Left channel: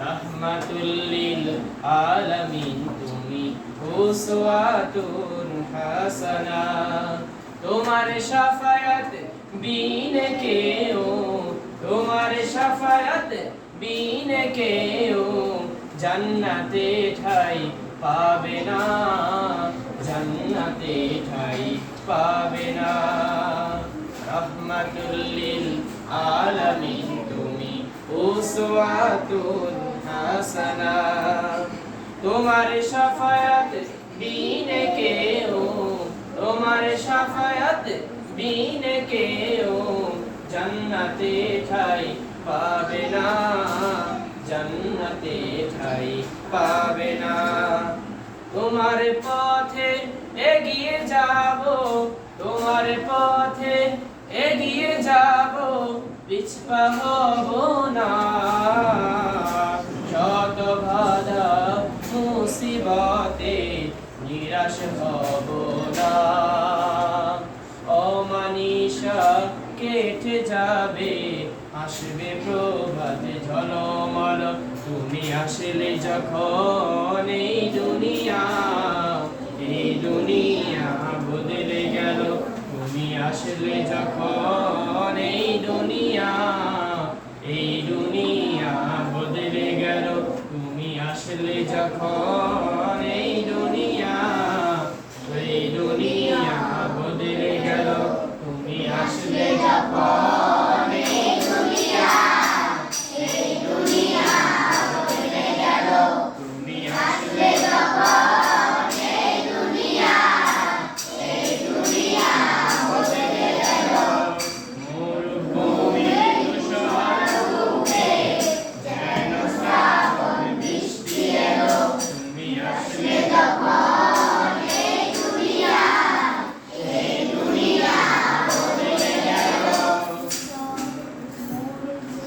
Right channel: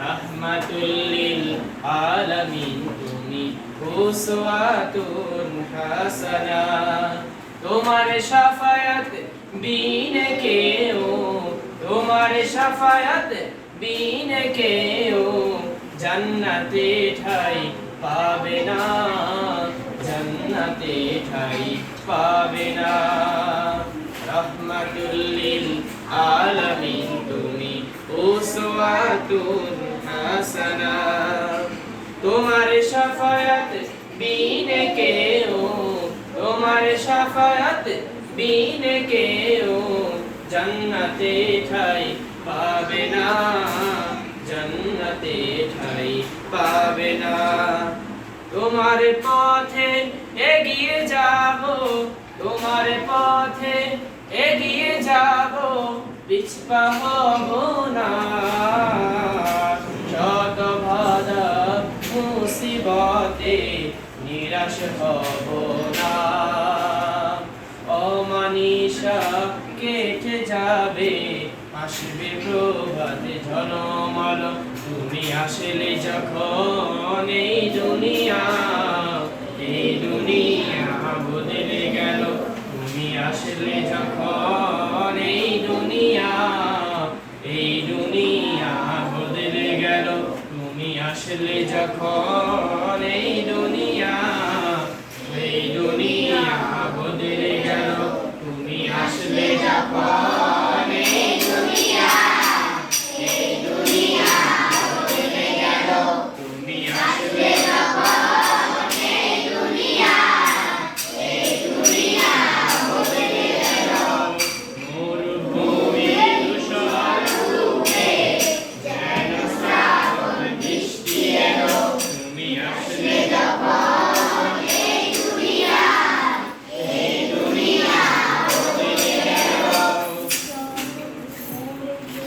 রাহমাতুল লিল আলামিন তুমি উসওয়াতুন হাসানা তোমার শাফায়াত বিনে কেও তোমার শাফায়াত বিনে কেও জান্নাতে ঠাই পাবে না জান্নাতে ঠাই পাবে না রাহমাতুল লিল আলামিন তুমি উসওয়াতুন হাসানা তোমার শাফায়াত বিনে কেও তোমার শাফায়াত বিনে কেও জান্নাতে ঠাই পাবে না জান্নাতে ঠাই পাবে না তোমার পথে এগিয়ে যাব তোমার পথে এগিয়ে যাব পিছপা হব না শত বাধা মুসিবতে নিরাশ হব না অমানিসা কেটে যাবে আসবে প্রভাতে ঝলমল তুমি আসলে যখন এই দুনিয়া বদলে গেল তুমি আসলে যখন এই দুনিয়া বদলে গেল তুমি আসলে যখন এই দুনিয়া বদলে গেল তুমি আসলে যখন